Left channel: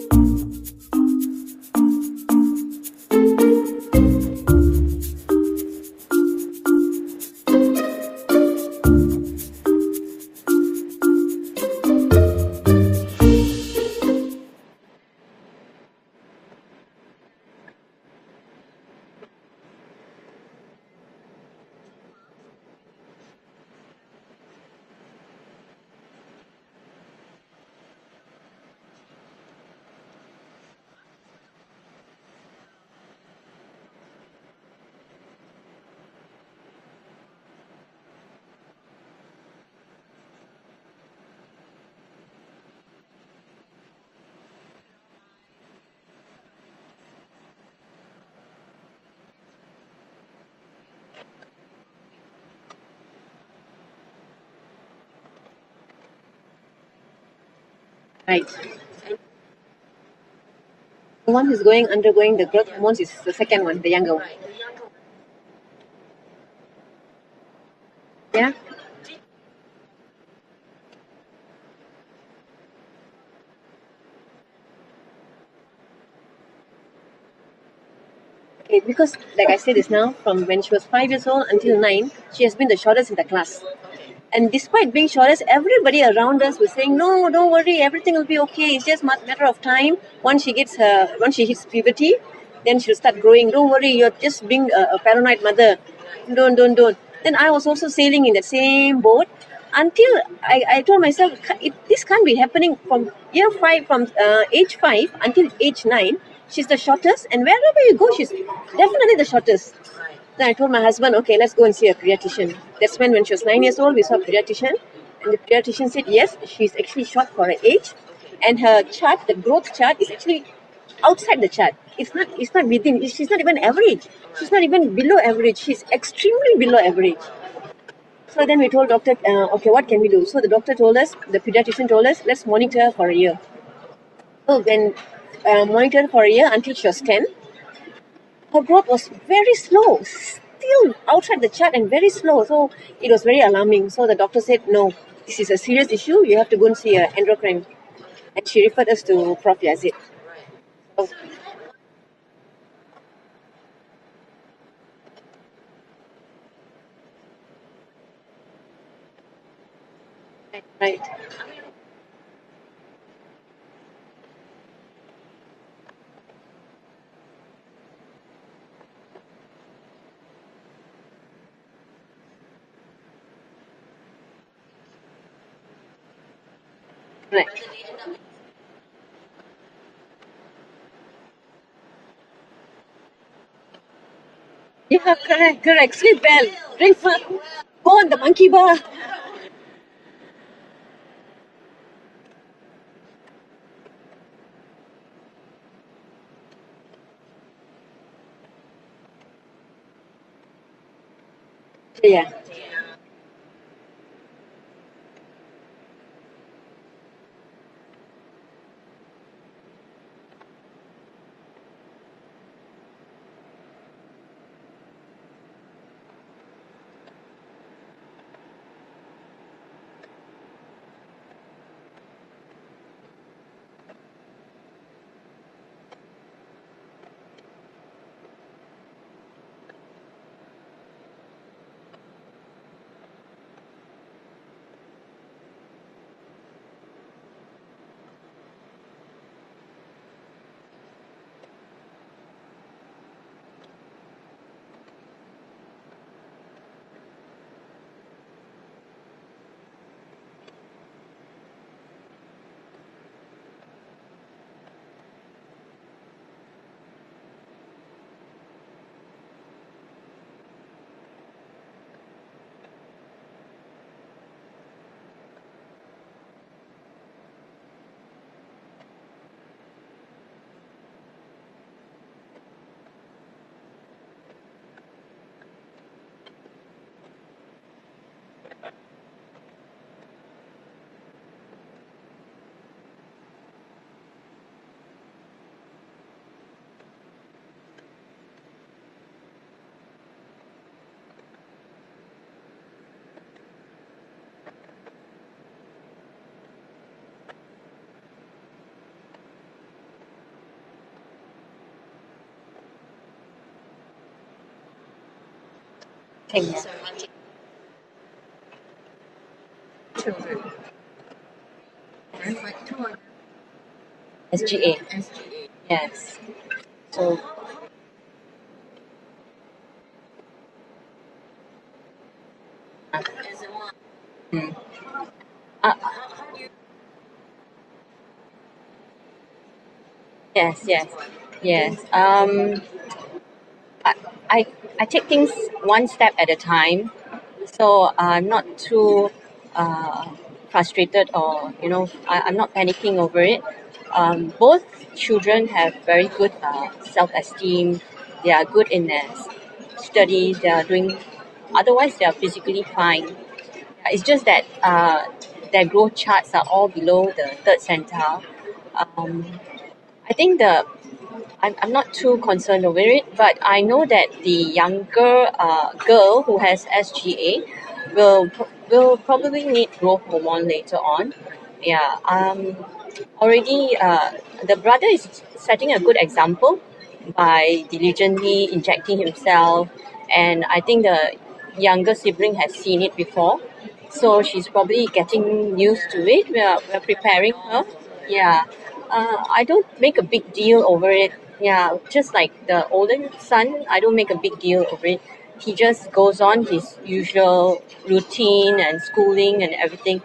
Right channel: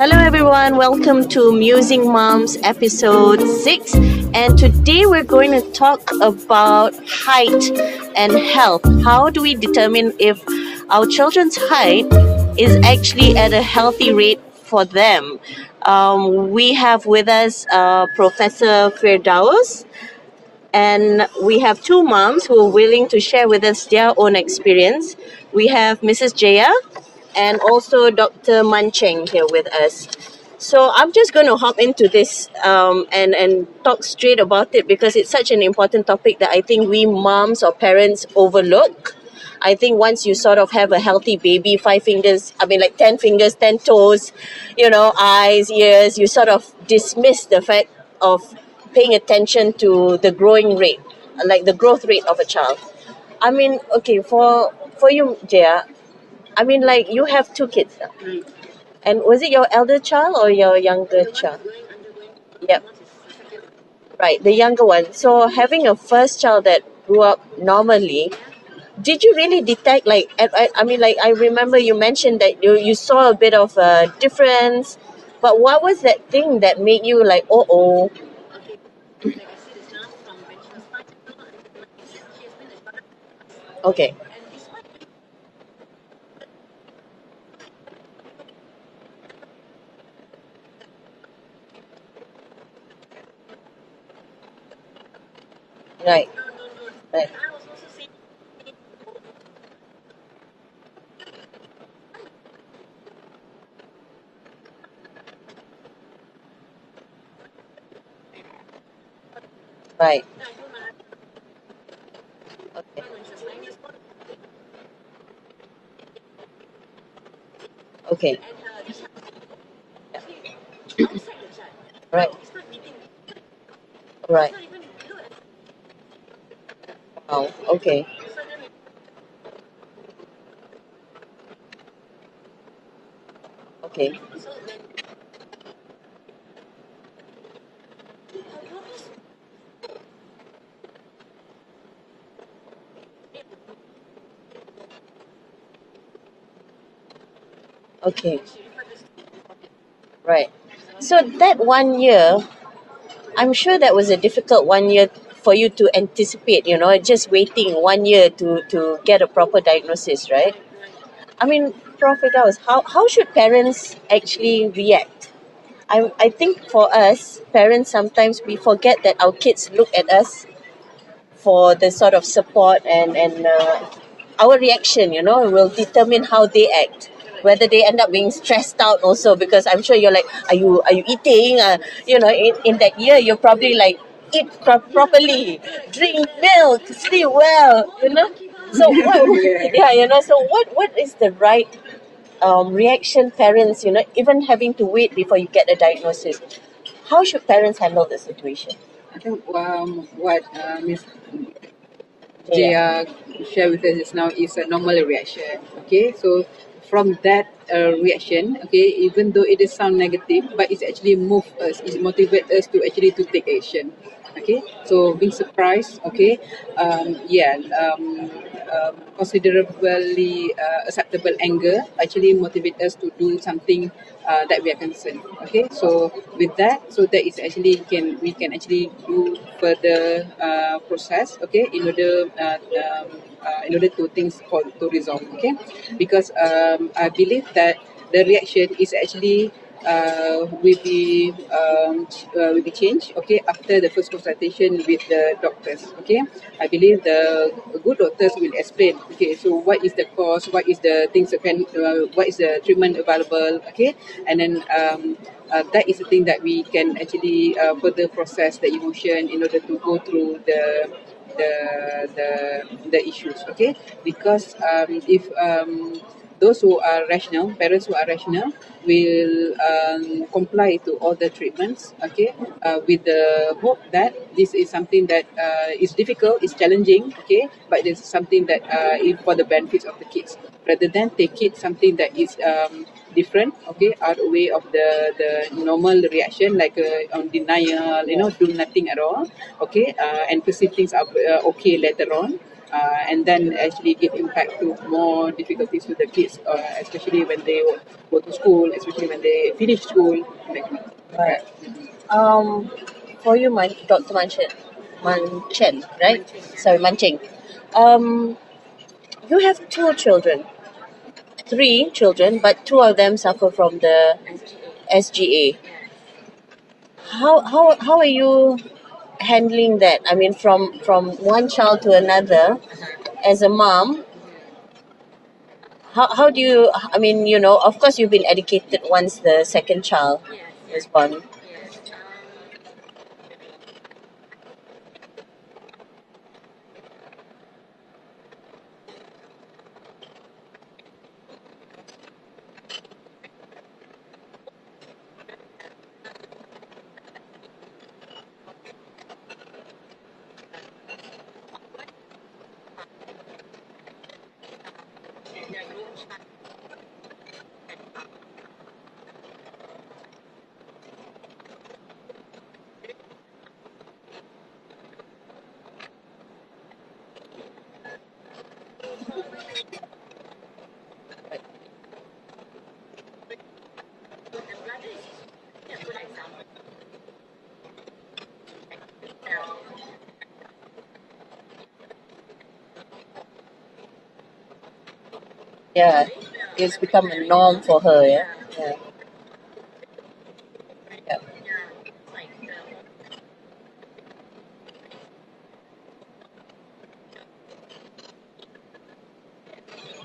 Hello everyone, welcome to Musing Moms episode 6, and today we're going to talk about height and health. How do we determine if our children's height is actually at a healthy rate for them? We have with us Professor Firdaus, and we have two moms who are willing to share with us their own experience. We have Mrs. Jaya and also Dr. Mun Cheng here with us. So I'm just going to hop into this and talk straight about it because it's such an important topic that I think we moms or parents overlook. I think once you sort of have a healthy baby, 5 fingers, 10 fingers, 10 toes, eyes, ears, you sort of dismiss the fact of paying attention to the growing rate, like the growth rate of a child. Okay, for you, Jaya, you have two kids now. Right. And was it your elder child or your younger The one child? who's undergoing the growth Yep. hormones is the second one, the younger one. Right, the younger one. So having a first child that grew up normally, Yeah. did you really detect I remember you mentioned that you saw a bit of a difference, but what was that thing that made you like, oh? Okay, because like I said just now, from when she was 5 years old until 9, she has been the shortest in the class. Okay. And despite being shortest, everybody around us was saying, no, don't worry, everything will be okay. It's just matter of time. Once she hits puberty, then she'll start growing. Don't worry, you're just being a paranoid mother. Right. Don't. Right. Then I was also sailing in that same boat until I told myself, this can't be happening from year 5, from age 5 until age 9. She's the shortest, and wherever you go, she's definitely the shortest. Right. Then I told my husband, okay, let's go and see a pediatrician. That's when she was 9 years old, we saw a pediatrician. And the pediatrician said, yes, she's actually short for her age. Okay. And her chart, the growth chart, is actually outside the chart. It's not within. She's not even average. Right. She's not even below average. She's extremely below average. Oh, okay. So then we told doctor, okay, what can we do? So the doctor told us, the pediatrician told us, let's monitor her for a year. Okay. So when monitored for a year until she was 10, her growth was very slow, still outside the chart and very slow. So it was very alarming. So the doctor said, no, this is a serious issue. You have to go and see an endocrine. Okay. And she referred us to Prof. Yazid. Right. So that 1 year, I'm sure that was a difficult 1 year for you to anticipate, just waiting 1 year to get a proper diagnosis, right? Right. Prof. Firdaus, how should parents actually react? I think for us, parents, sometimes we forget that our kids look at us for the sort of support and our reaction, will determine how they act. Right. Whether they end up being stressed out also, because I'm sure you're like, are you eating? In that year, you're probably like, eat properly. Correct. Sleep well. Sleep well. Go on the monkey bar. So what is the right reaction parents, even having to wait before you get a diagnosis? How should parents handle the situation? I think what Ms. Yeah. Jaya shared with us just now is a normal reaction. Okay, so from that reaction, okay, even though it is sound negative, but it's actually move us, it motivate us to actually to take action. Okay, so being surprised, okay, considerably acceptable anger actually motivate us to do something that we are concerned. Okay, so with that, so that is actually we can actually do further process. Okay, in order to things to resolve. Okay, because I believe that the reaction is actually will be changed, okay, after the first consultation with the doctors. Okay, I believe the good doctors will explain, okay, so what is the cause, what is the things that can what is the treatment available, okay, and then that is the thing that we can actually further process the emotion in order to go through the issues. Okay, because if those who are rational, parents who are rational, will comply to all the treatments, okay, with the hope that this is something that is difficult, is challenging, okay, but it's something that is for the benefits of the kids, rather than take it something that is different, okay, out of way of the normal reaction, like on denial, do nothing at all, okay, and perceive things are okay later on. and then actually give impact to more difficulties to the kids, especially when they go to school, especially when they finish school. Right. Um, for you, Dr. Manchen, right? Cheng. Sorry, Mancheng. You have three children, but two of them suffer from the SGA. SGA. Yes. So How are you handling that? I mean, from one child to another, as a mom, mm, how do you? I mean, of course, you've been educated once the second child yes, is yes, born. yes. I, I I take things one step at a time, so I'm not too frustrated, or I'm not panicking over it. Both children have very good self-esteem. They are good in their studies. They are doing. Otherwise, they are physically fine. It's just that their growth charts are all below the third centile. Um, I think I'm not too concerned over it, but I know that the younger girl who has SGA will probably need growth hormone later on. Yeah. Already, the brother is setting a good example by diligently injecting himself, and I think the younger sibling has seen it before, so she's probably getting used Yeah, to it. it's We're become a preparing norm her. for her. Yeah. Yeah. I don't make a big deal over it. Yeah. Yeah, just like the older son, I don't make a big deal over it. He just goes on his usual routine and schooling and everything.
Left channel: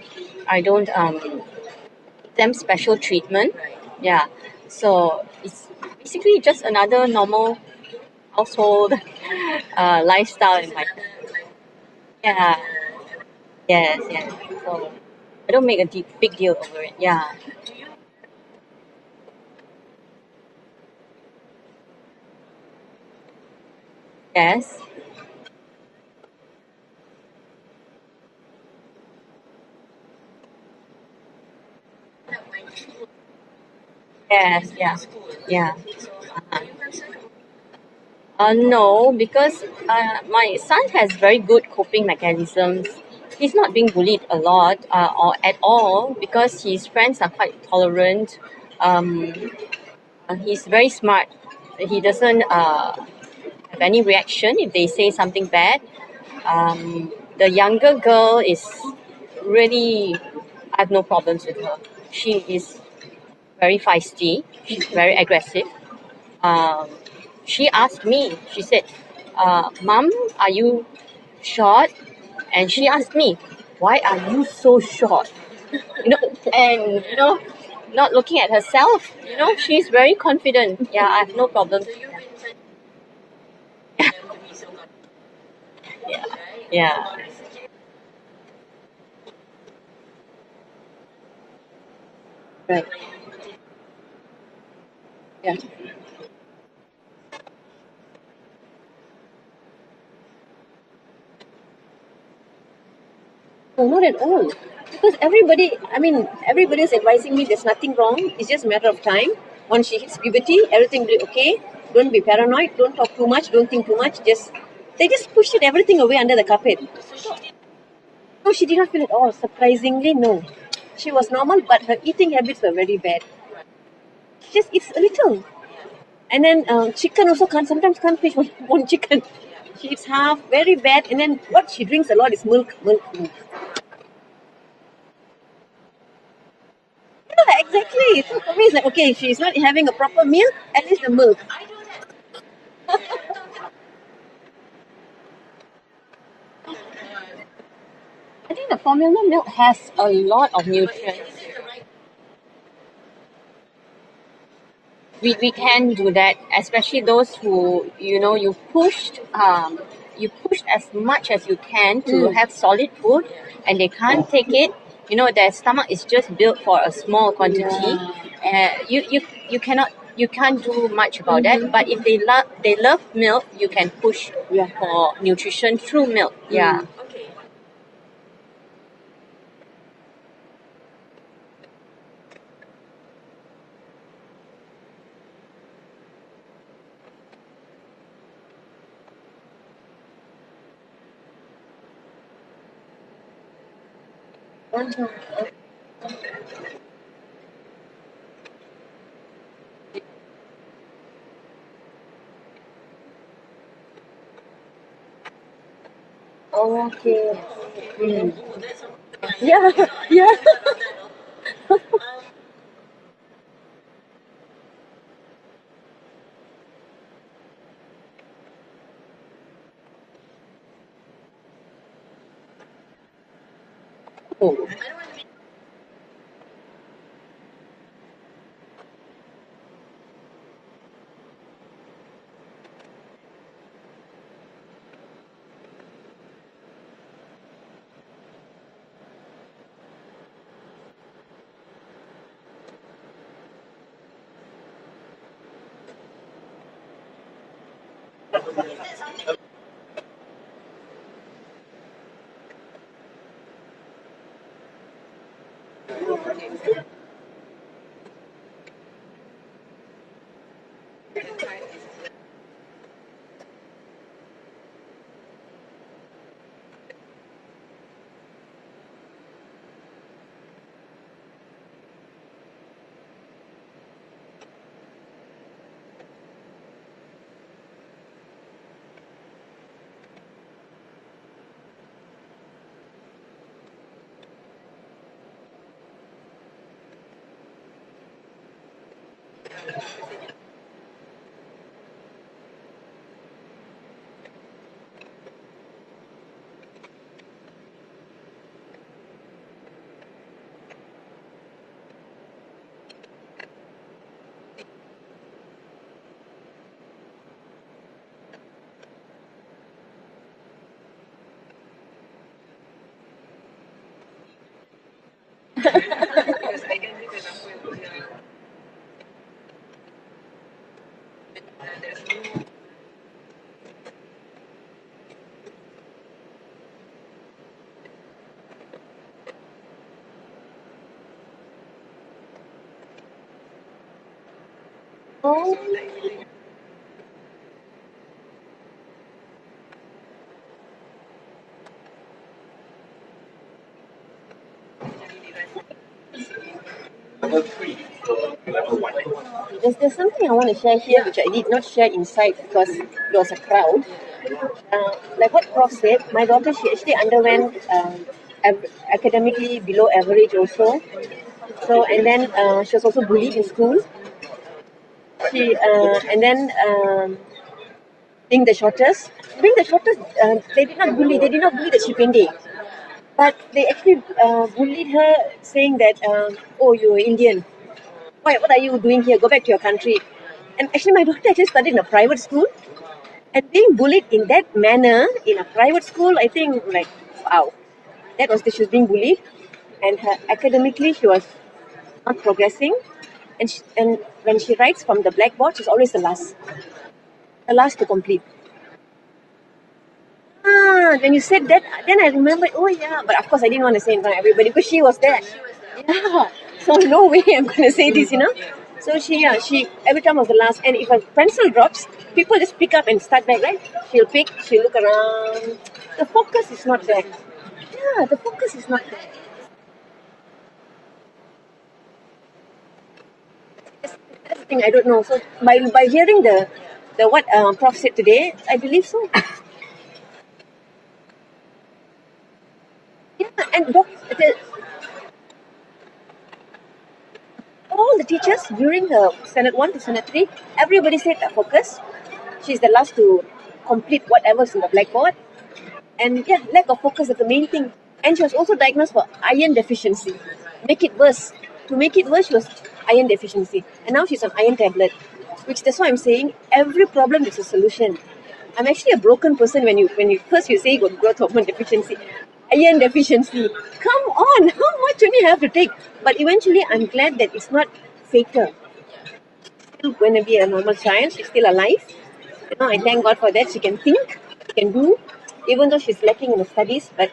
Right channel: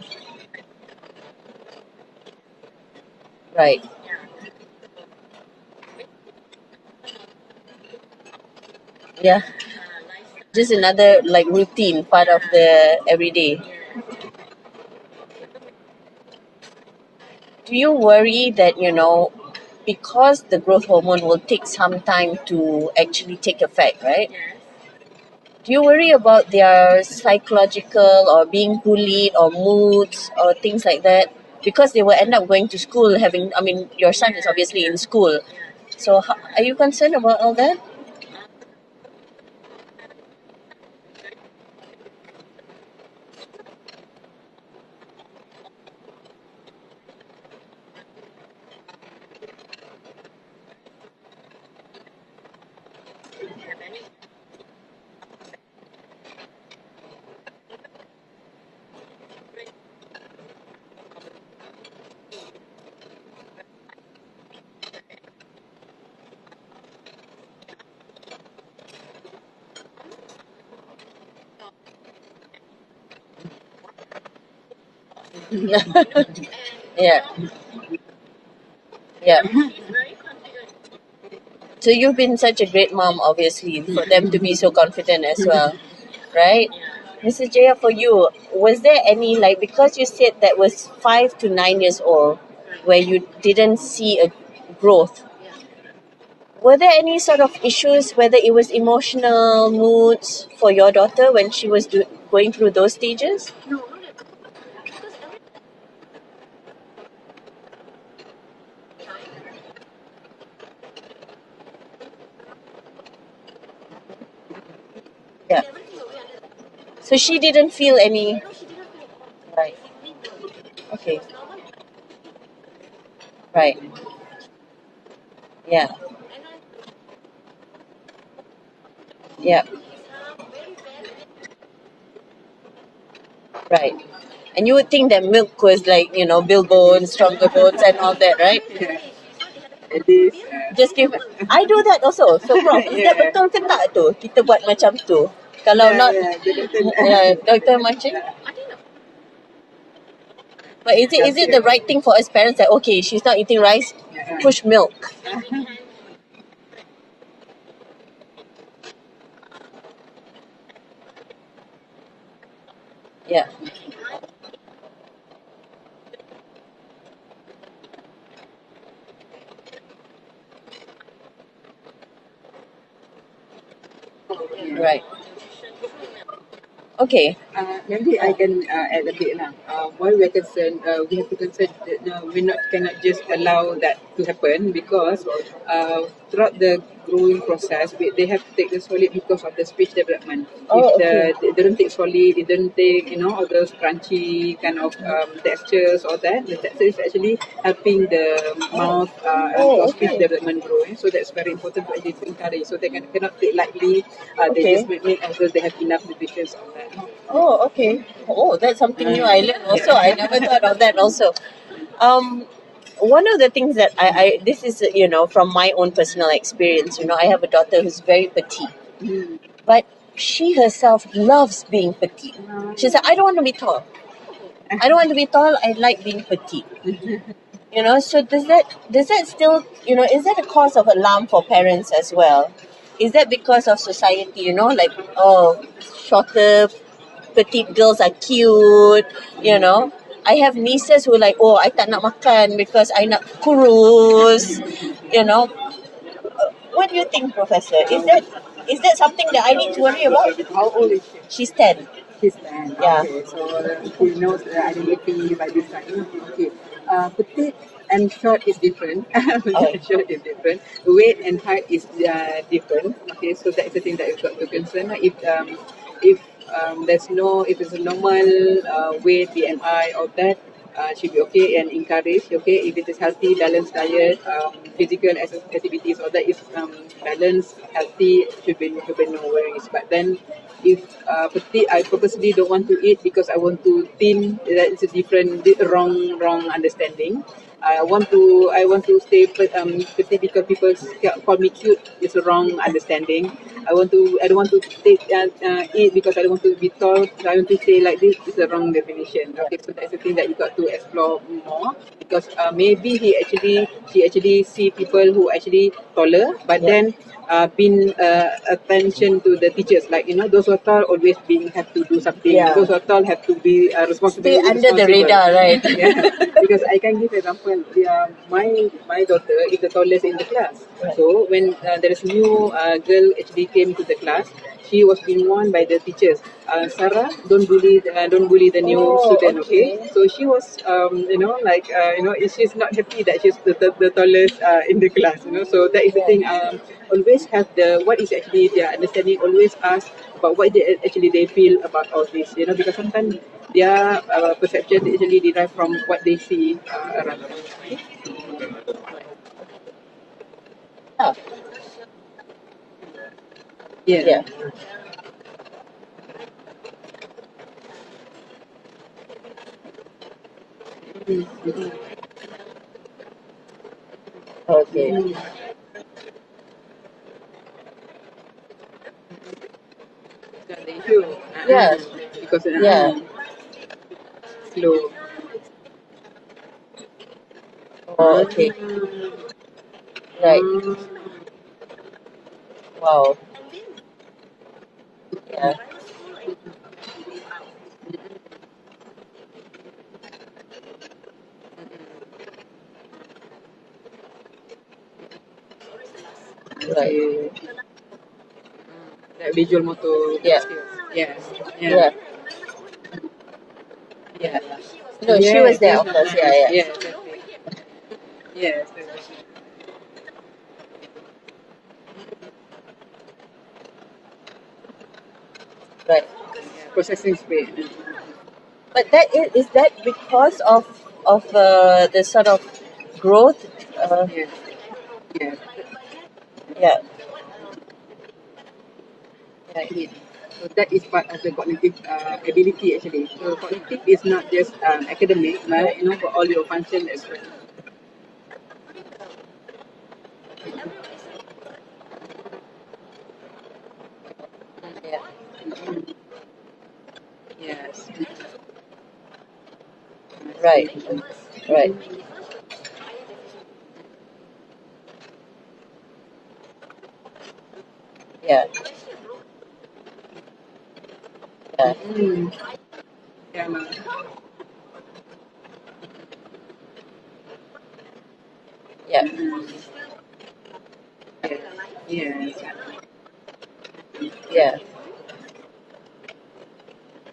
I don't give them special treatment. Right. Yeah, so it's basically just another normal household Yeah. lifestyle. Just in my- another like routine part of Yeah. the everyday. Yes, yes. So I don't make a big deal over it. Yeah. Do you worry that because the growth hormone will take some time to actually take effect, right? Yes. Do you worry about their psychological or being bullied or moods or things like that? Because they will end up going to school I mean, your son is Yes. obviously Yeah. in school. Yeah. So are you concerned about all that? No, because my son has very good coping mechanisms. He's not being bullied a lot or at all because his friends are quite tolerant. Um, he's very smart. He doesn't have any reaction if they say something bad. The younger girl is really, I have no problems with her. She is very feisty. She's very aggressive. Um, she asked me, she said, Mom, are you short? And she asked me, why are you so short? And Yeah. not looking at herself. Yeah. She's very confident. Yeah, I have no problem. So you've been such a great mom, obviously, for them to be so confident as well, Yeah. right? Yeah. Mrs. Jaya, for you, was there any, like, because you said that was 5 to 9 years old, Right. where you didn't see a growth? Yeah. Were there any sort of issues, whether it was emotional moods for your daughter when she was going through those stages? No, not at all. Because everybody's advising me there's nothing wrong. It's just a matter of time. Once she hits puberty, everything will be okay. Don't be paranoid. Don't talk too much. Don't think too much. They just pushed Yeah. everything away under the carpet. So she didn't feel any. No, she did not feel it all. Surprisingly, no. She was normal, but her eating habits were very bad. Right. She just eats a little. Yeah. And then chicken also sometimes can't finish one chicken. Yeah. She eats half, very bad. And then what she drinks a lot is milk. Right. And you would think that milk was like, build bones, stronger bones and all that, right? It's like, okay, she's not having a proper meal, Just give milk. I do that also. So, Prof, is that betul ke tak tu? Kita buat macam tu. Kalau not, Dr. Mancheng? I think the formula milk has a lot of nutrients. But is it the right thing for us parents that, okay, she's not eating rice, push milk? We can do that, especially those who, you pushed as much as you can to have solid food, Yeah. and they can't take it. Their stomach is just built for a small quantity. You can't do much about that. But if they love milk, you can push for nutrition through milk. Yeah. Okay. Maybe I can add a bit. Why we are concerned, we have to concern that we cannot just allow that to happen because throughout the growing process, they have to take the solid because of the speech development. Oh, They don't take solid, they don't take all those crunchy kind of textures or that. The texture is actually helping the mouth for speech development growing. So that's very important to actually encourage. So they cannot take lightly. They just make as they have enough nutrition. Okay. Oh, okay. Oh, that's something new I learned also. I never thought of that also. One of the things that this is, from my own personal experience, I have a daughter who's very petite, but she herself loves being petite. She said, I don't want to be tall. I don't want to be tall. I like being petite. So does that still, is that a cause of alarm for parents as well? Is that because of society, like, oh, shorter, petite girls are cute, I have nieces who are like, oh, I tak nak makan because I nak kurus, What do you think, Professor? Is that something that I need to worry about? How old is she? She's 10. She's 10. Yeah. Okay, so she knows the identity by this time. Okay. Petite and short is different. Short is different. Weight and height is different. Okay, so that's the thing that you've got to concern. If it's a normal weight, BMI, or that, should be okay and encouraged. Okay, if it is healthy, balanced diet, physical activities, or that is balanced, healthy, should be no worries. But then, if petite, I purposely don't want to eat because I want to thin. That is a wrong understanding. I want to stay petite because people call me cute. It's a wrong understanding. I don't want to eat because I don't want to be tall. I want to stay like this. It's a wrong definition. Okay, so that's the thing that you got to explore more because maybe she actually see people who actually taller, but then been attention to the teachers, like those who are tall always have to do something. Those who are tall have to be responsible. Stay under the radar, right? Because I can give example. My daughter is the tallest in the class. So when there is new girl actually came to the class, she was being warned by the teachers. Sarah, don't bully the new student. Okay. So she was she's not happy that she's the tallest in the class. So that is the thing. Always have what is actually their understanding. Always ask about what they feel about all this. Because sometimes their perception actually derive from what they see around. There's something I want to share here which I did not share inside because there was a crowd. Like what Prof said, my daughter, she actually underwent academically below average also. So and then she was also bullied in school. Okay. She and then being the shortest, they did not bully that she pendek. But they actually bullied her, saying that oh, you're Indian. What are you doing here? Go back to your country. Right. And actually, my daughter actually studied in a private school. Wow. And being bullied in that manner in a private school, I think, like, wow. That was she was being bullied. And academically, she was not progressing. And when she writes from the blackboard, she's always the last. Right. The last to complete. Visual motor. When you said that, then I remembered, but of course I didn't want to say in front of everybody because she was there. She was there. So no way I'm going to say this, So she every time was the last. And if a pencil drops, people just pick up and start back, right? She'll look around. Right. The focus is not there. The focus is not. But is that because of the sort of growth? I don't know. So by hearing the what Prof said today, I believe so. So that is part of the cognitive ability actually. So and it's not just academic, but for all your function as well. All the teachers during the Senate 1 to Senate 3, everybody said focus. She's the last to complete whatever's in the blackboard. And lack of focus is the main thing. And she was also diagnosed for iron deficiency. Right. Make it worse. Right. To make it worse, she was iron deficiency. And now she's on iron tablet. That's why I'm saying every problem is a solution. Yeah. I'm actually a broken person when you first you say you got growth hormone deficiency, iron deficiency. Come on, how much only have to take? But eventually I'm glad that it's not fatal. Yeah. She's still going to be a normal child. She's still alive. I thank God for that. She can think. She can do. Even though she's lacking in the studies, but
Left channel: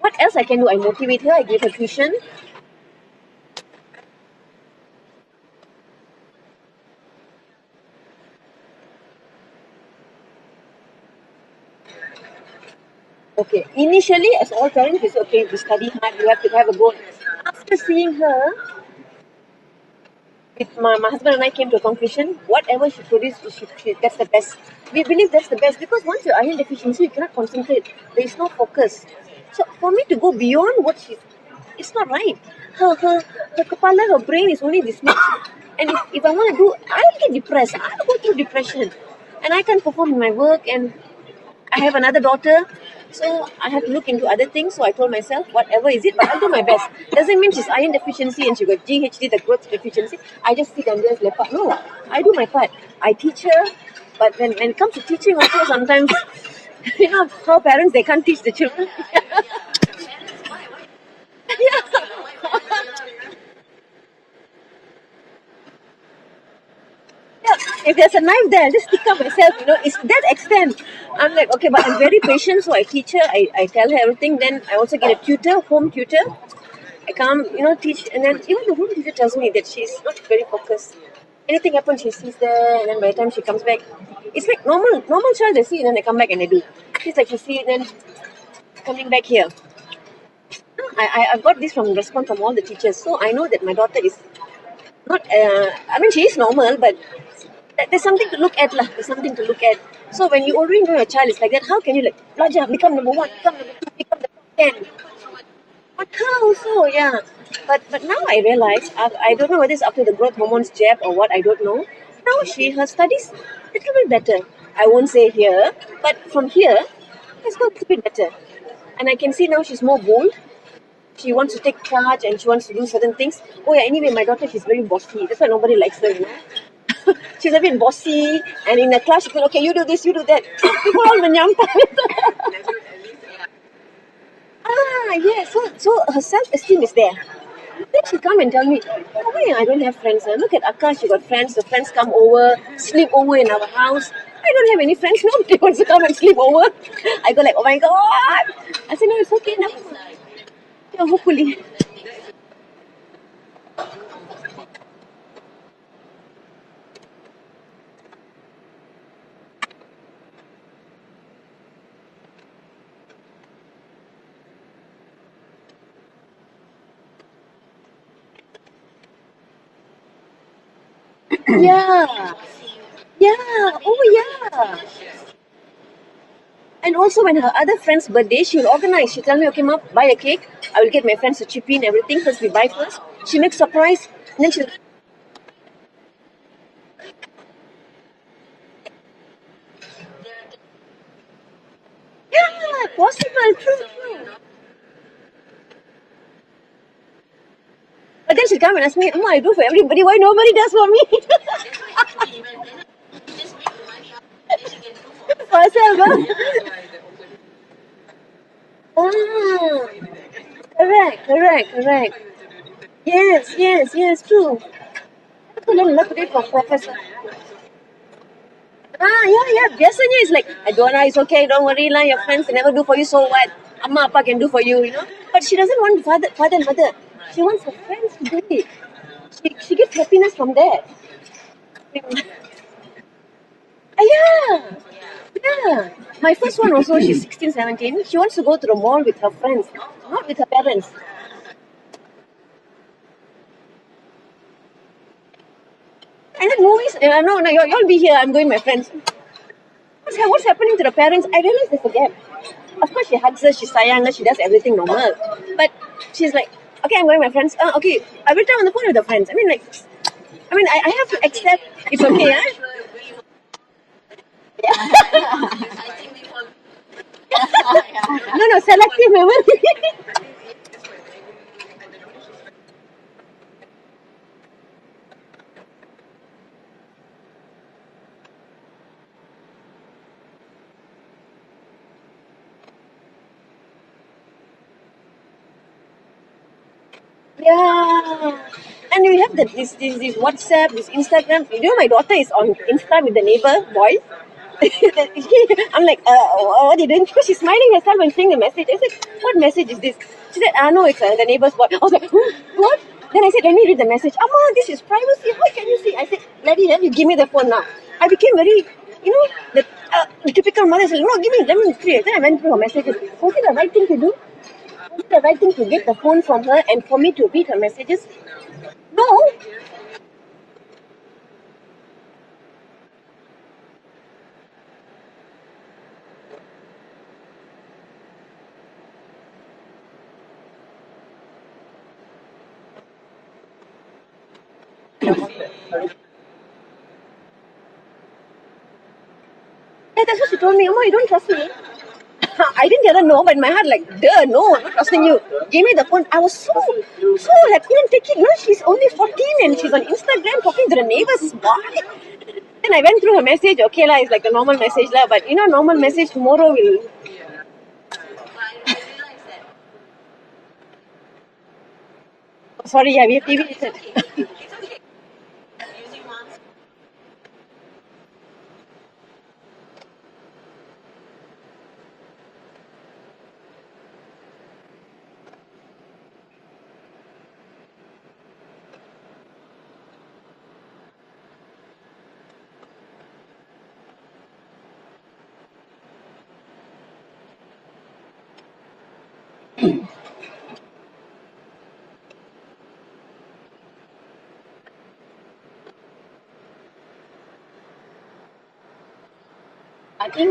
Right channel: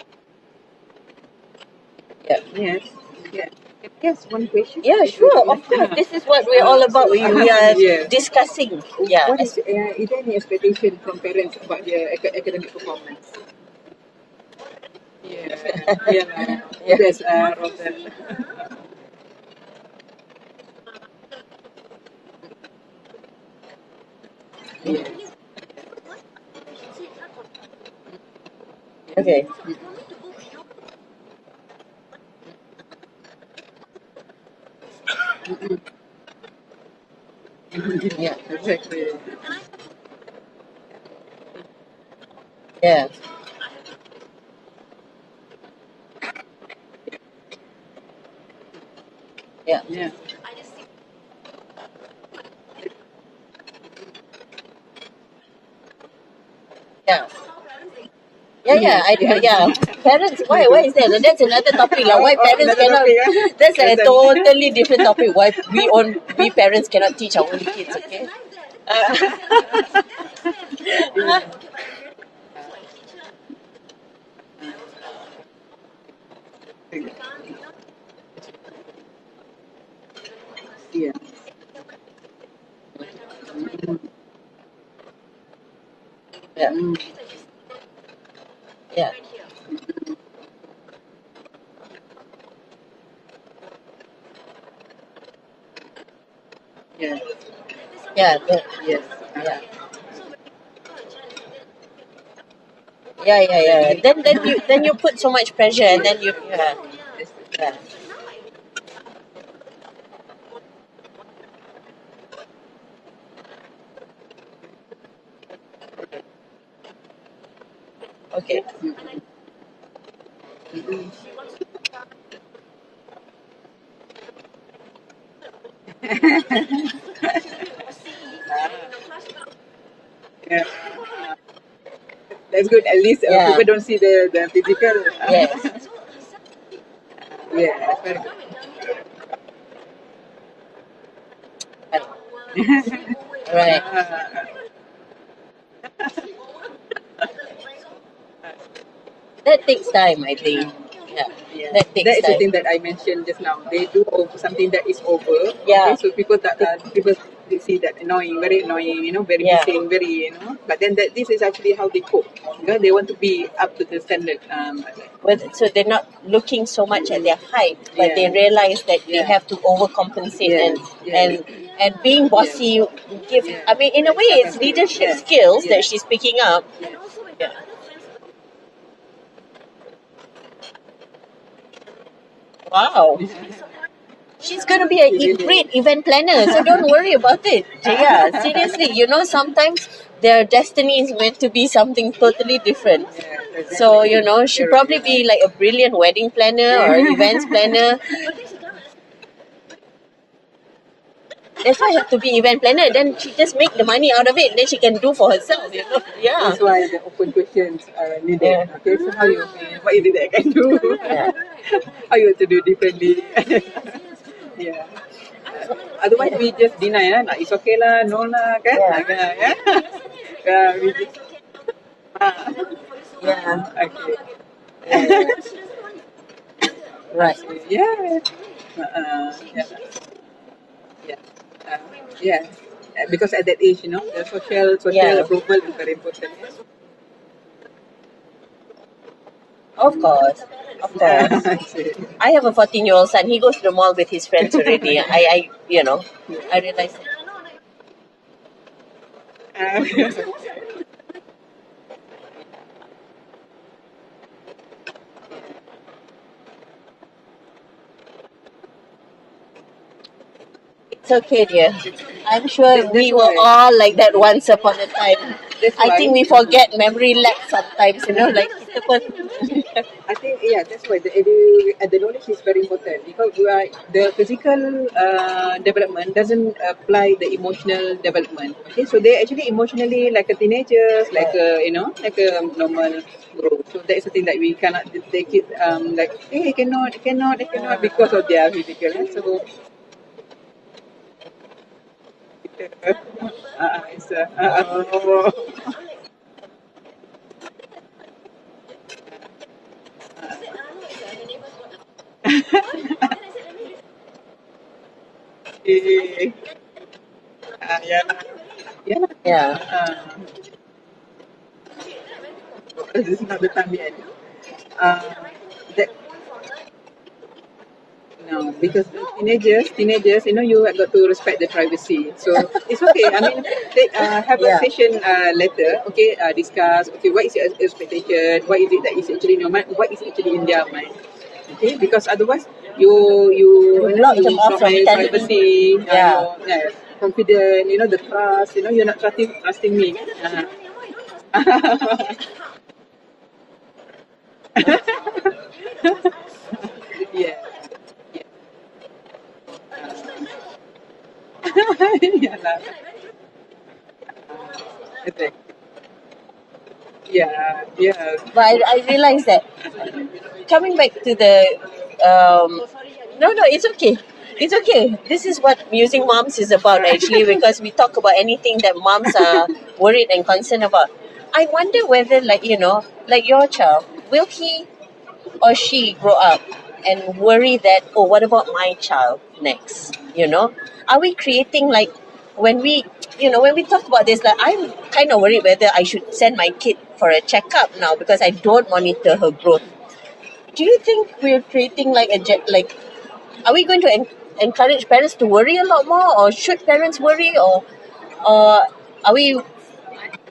what else I can do? I motivate her. I give her tuition. ask one question? Yeah, sure. Of course. This is what we're all about. We are Yes. discussing. Yeah. What is there any expectation from parents about their academic performance? Okay. Initially, as all parents, it's okay to study hard. You have to have a goal. Yes, After Rota. seeing her, my husband and I came to a conclusion. Whatever she produced, that's the best. We believe that's the best because once you're iron deficiency, you cannot concentrate. There is no focus. Okay. So for me to go beyond what she's, it's not right. Her kepala, her brain is only this much. And if I want to do, I'll get depressed. I'll go through depression. And I can't perform in my work. And I have another daughter. Yeah. So I have to look into other things. So I told myself, whatever is it, but I'll do my best. Doesn't mean she's iron deficiency and she got GHD, the growth deficiency. I just sit and just lepak. No, I do my part. I teach her. But when it comes to teaching also, sometimes you know how parents, they can't teach the children. Yeah. Parents, why is that? That's another topic. Why parents cannot? That's a totally different topic. Why we parents cannot teach our kids? If there's a knife there, just stick up myself. You know, it's that extent. I'm like, okay, but I'm very patient, so I teach her. I tell her everything. Then I also get a tutor, home tutor. I come, teach, and then even the home teacher tells me that she's not very focused. Yeah. Anything happens, she sees there, and then by the time she comes back, it's like normal child. They see, and then they come back and they do that. It's like she see it, then coming back here. I've got this from response from all the teachers, so I know that my daughter is not. She is normal, but there's something to look at, lah. There's something to look at. So when you already know your child is like that, how can you belajar, become number one? Then you put so much pressure, and then you. But now I realize, I don't know whether it's after the growth hormones jab or what, I don't know. Now her studies a little bit better. I won't say here, but from here, it's got a little bit better. Okay. And I can see now she's more bold. She wants to take charge and she wants to do certain things. Oh yeah, anyway, my daughter, she's very bossy. That's why nobody likes her. She's a bit bossy. And in the class, she goes, okay, you do this, you do that. People all menyampah. That's good. At least people don't see the physical. So her self-esteem is there. Yeah. Then she come and tell me, oh, I don't have friends. Look at Akka, she got friends. The friends come over, sleep over in our house. I don't have any friends. Nobody wants to come and sleep over. I go like, oh my God. I said, no, it's okay. That takes time, I think. Yeah, hopefully. Yeah. That takes That is time. the thing that I mentioned just now. They do something that is over. Yeah. Okay, so people they see that annoying, very annoying, very missing, very, But then this is actually how they cope. Because they want to be up to the standard. So they're not looking so much at their height, but they realize that they have to overcompensate and being bossy. In a way, it's leadership skills that she's picking up. And also when her other friend's birthday, she'll organize. She'll tell me, okay, Mom, buy a cake. I will get my friends to chip in, everything. First we buy first. Wow. She makes surprise. Then she's going to be a great event planner, so don't worry about it. Yeah, seriously, sometimes their destiny is meant to be something totally different. Possible. So, she'll probably be like a brilliant wedding planner or events planner. But then she'll come and ask me, I do for everybody, why nobody does for me? That's why I have to be event planner. Then she just make the money out of it, then she can do for herself. Yeah. That's why the open questions are needed. Okay, so what is it that I can do? Correct. How you want to do differently? Yes, true. Yeah. So then Otherwise we just deny it's okay lah, no lah, kan? Biasanya it's like, don't lah, it's okay, don't worry lah, your friends never do for you, so what? Amma, Appa can do for you. But she doesn't want father and mother. Right. She wants her friends to do it. She gets happiness from that. Because at that age, social approval is very important. My first one also, she's 16, 17. She wants to go to the mall with her friends. Of course. Not with her parents. Of course. I have a 14-year-old son. He goes to the mall with his friends already. I And then movies, no, you'll be here. I'm going with my friends. So what's happening to the parents? I realize there's a gap. Of course, she hugs her, she sayang her, she does everything normal. But she's like, okay, I'm going with my friends. Okay, every time on the phone with her friends. I have to accept. Dear. It's okay. I'm sure we were all like that once upon a time. I think we forget memory lapse sometimes. No, selective memory. I think, that's why the knowledge is very important because the physical development doesn't apply the emotional development. Okay, so they actually emotionally like a teenagers, like a normal growth. So that is the thing that we cannot take it cannot because of their physical. And we have this what WhatsApp, this Instagram. You know, my daughter is on Insta with the neighbor boys. I'm like, what are you doing? Because she's smiling herself and seeing the message. I said, what message is this? She said, no, it's the neighbor's boy. I was like, what? Then I said, let me read the message. Amma, this is privacy. How can you see? I said, let you give me the phone now. I became very, the typical mother said, no, give me, let me see. Then I went through her messages. Was it the right thing to do? Is it the right thing to get the phone from her and for me to read her messages? No, because teenagers, you have got to respect the privacy. So it's okay. I mean, have a session later. Okay, discuss. Okay, what is your expectation? What is it that is actually in your mind? What is actually in their mind? Okay, because otherwise you lock them off from privacy. Confident, the trust, you're not trusting me. Yeah, that's what she told me. Amma, you don't trust me. I didn't tell her no, but in my heart like, no, I'm not trusting you. Give me the phone. I was so like, couldn't take it. She's only 14 and she's on Instagram talking to the neighbors. Then I went through her message. Okay, it's like a normal message, but normal message tomorrow will. Yeah. But I realized that coming back to the sorry, it's okay. It's okay. This is what Musing Moms is about actually, because we talk about anything that moms are worried and concerned about. I wonder whether, like your child, will he or she grow up and worry that, what about my child next? Are we creating when we talk about this, I'm kind of worried whether I should send my kid for a checkup now because I don't monitor her growth. Do you think we're creating are we going to encourage parents to worry a lot more, or should parents worry, or are we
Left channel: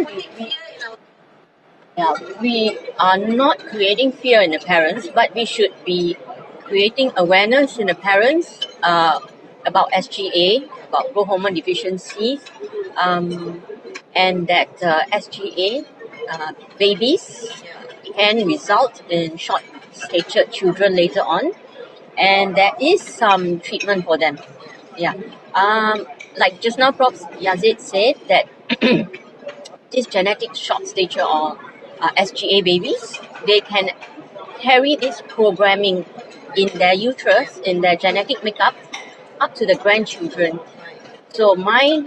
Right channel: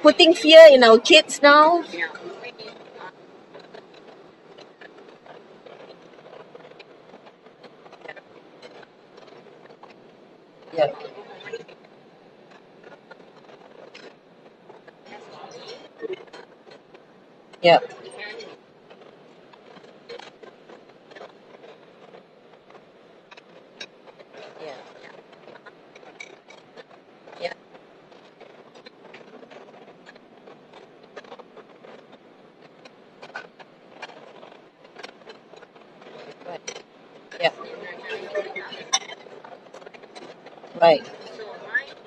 putting fear in our kids now? Yeah, we are not creating fear in the parents, but we should be creating awareness in the parents about SGA, about growth hormone deficiencies, and that SGA babies can result in short-statured children later on, and there is some treatment for them. Yeah, like just now, Prof. Yazid said that this genetic short stature or SGA babies, they can carry this programming in their uterus, in their genetic makeup, up to the grandchildren. Right. So my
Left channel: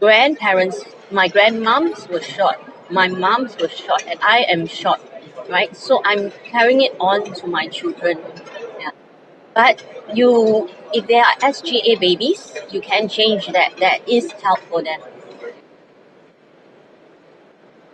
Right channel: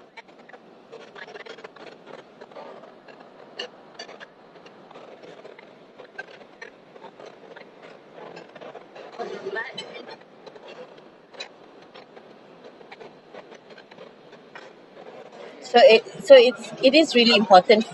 grandparents, my grandmoms were short, my moms were short, and I am short, right? So I'm carrying it on to my children. Yeah. But if there are SGA babies, you can change that. There is help for them. So it is really important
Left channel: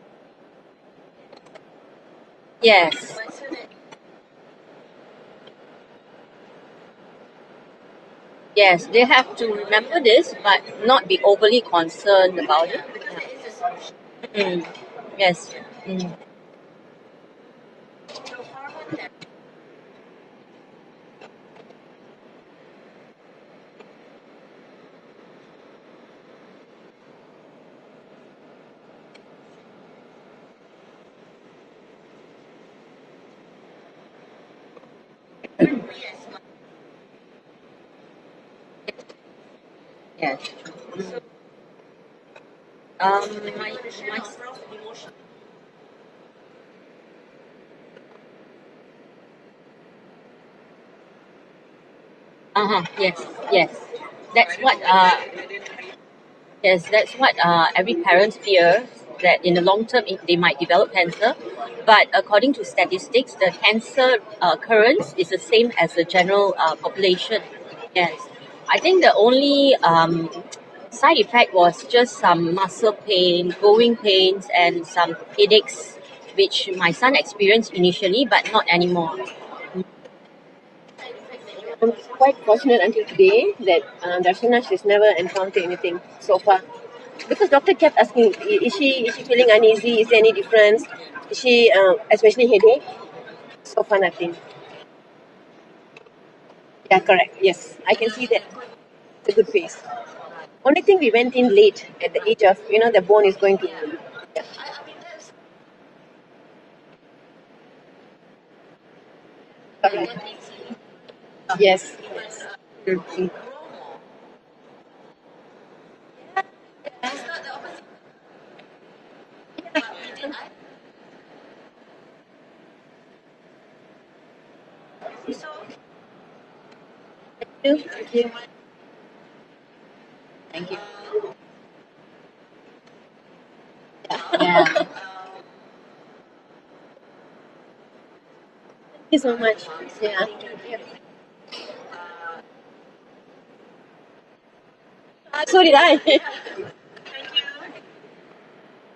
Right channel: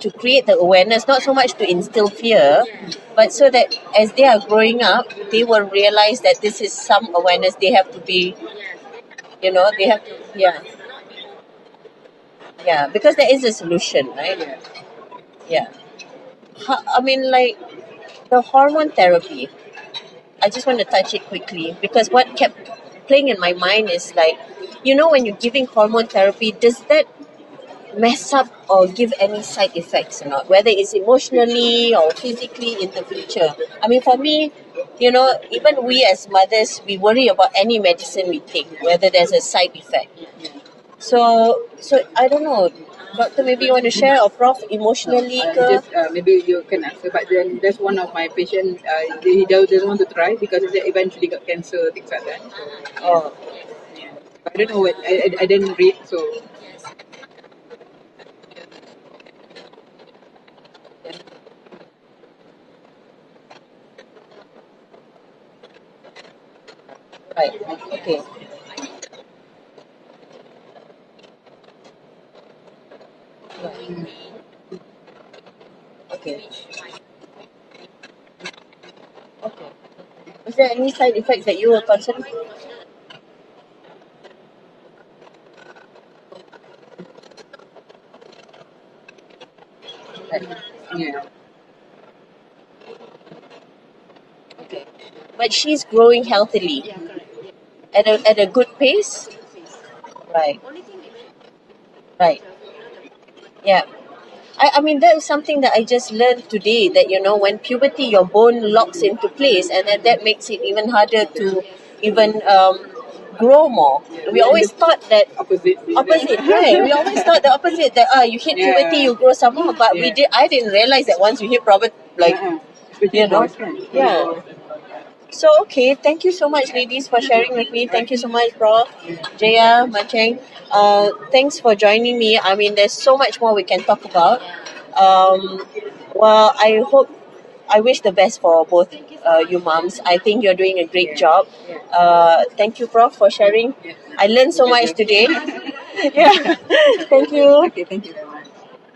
to create the awareness, not so much to instill fear, Yes. but so that as they are growing up, they will realize that this is some awareness they have to be. Yes, they have to remember this, but not be overly concerned about it. Because there is a solution, right? Mm. Yes. Yeah. I mean, the hormone therapy, I just want to touch it quickly, because what kept playing in my mind is when you're giving hormone therapy, does that mess up or give any side effects or not, whether it's emotionally or physically in the future? I mean, for me, even we as mothers, we worry about any medicine we take, whether there's a side effect. Yes. So I don't know, Doctor, maybe you want to share, or Prof, emotionally? Maybe you can answer, but then there's one of my patients, he doesn't want to try because he eventually got cancer, things like that. Yes. That's I don't know, I didn't read, so. Yes, that's what every parent fears, that in the long term they might develop cancer. But according to statistics, the cancer occurrence is the same as the general population. Right. Yes. I think the only side effect was just some muscle pain, growing pains, and some headaches, which my son experienced initially, but not anymore. Was there any side effects that you were concerned? Quite fortunate until today that Darshana, she's never encountered anything so far. Because doctor kept asking, is she feeling uneasy? Is there any difference? Yeah. Is she, especially headache? So far nothing. But she's growing healthily. Yeah, correct. Yes. At a good pace? It's a good pace. Right. Only thing we went in late at the age of, the bone is going to... Yeah. I mean, that is something that I just learned today, that, when puberty, your bone locks into place, and then that makes it even harder to even grow more. We always thought that... Opposite, right? We always thought the opposite, that you hit puberty, you grow some more, but I didn't realize that once you hit puberty, So, okay, thank you so much, ladies, for sharing with me. Thank you so much, Prof. Jeyamany Cheng. Thanks for joining me. I mean, there's so much more we can talk about. Yeah. Well, I wish the best for both you so much. you moms. Yeah. I think you're doing a great job. Thank you, Prof, for sharing. I learned so much today. So did I. Yeah. Thank you. Okay, thank you.